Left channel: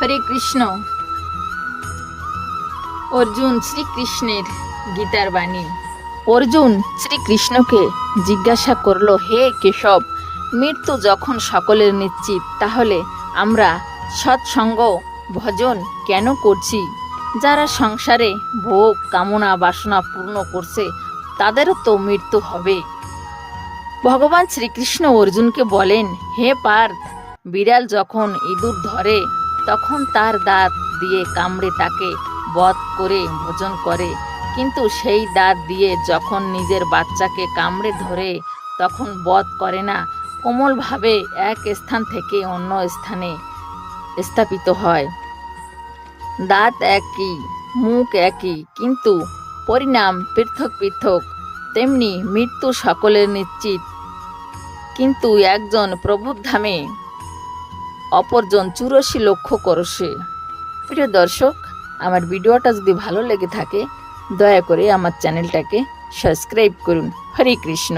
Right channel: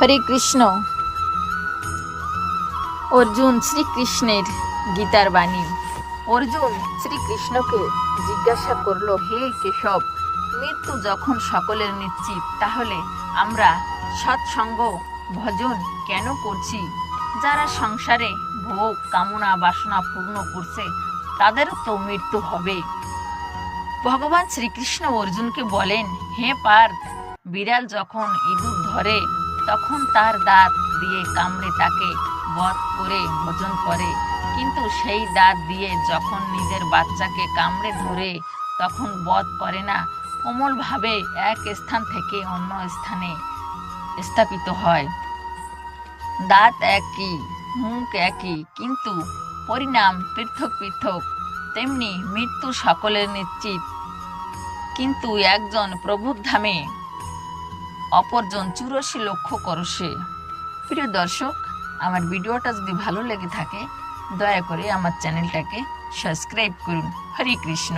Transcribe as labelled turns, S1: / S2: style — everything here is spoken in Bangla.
S1: হরে কৃষ্ণ। অর্জুন শ্রীকৃষ্ণের গীতার বাণী। অর্জুন শ্রীকৃষ্ণকে জিজ্ঞাসা করল, হে কেশব, মৃত্যু যখন সকলের নিশ্চিত, তাহলে আমরা সৎসঙ্গ ভজন কেন করছি? যারা সংসারে ভোগ, কামনা, বাসনা পূর্ণ করছে, তাদেরও তো মৃত্যু হবে। ভগবান শ্রীকৃষ্ণ অর্জুনকে বলেন, হে পার্থ, বিড়াল যখন ইঁদুর ধরে তখন তার দাঁত দিয়ে কামড়ে তাকে বধ করে ভোজন করে। কিন্তু সেই দাঁত দিয়ে যখন নিজের বাচ্চাকে কামড়ে ধরে, তখন বধ করে না, কোমলভাবে এক স্থান থেকে অন্য স্থানে স্থাপিত হয়। দাঁত একই, মুখ একই, কিন্তু পরিণাম পৃথক পৃথক। তেমনি মৃত্যু সকলের নিশ্চিত। কিন্তু একজন প্রভুর ধামে অপরজন চুরাশি লক্ষ করছে প্রিয় দর্শক, আমার ভিডিওটা যদি ভালো লেগে থাকে, দয়া করে আমার চ্যানেলটাকে সাবস্ক্রাইব করুন। হরে কৃষ্ণ।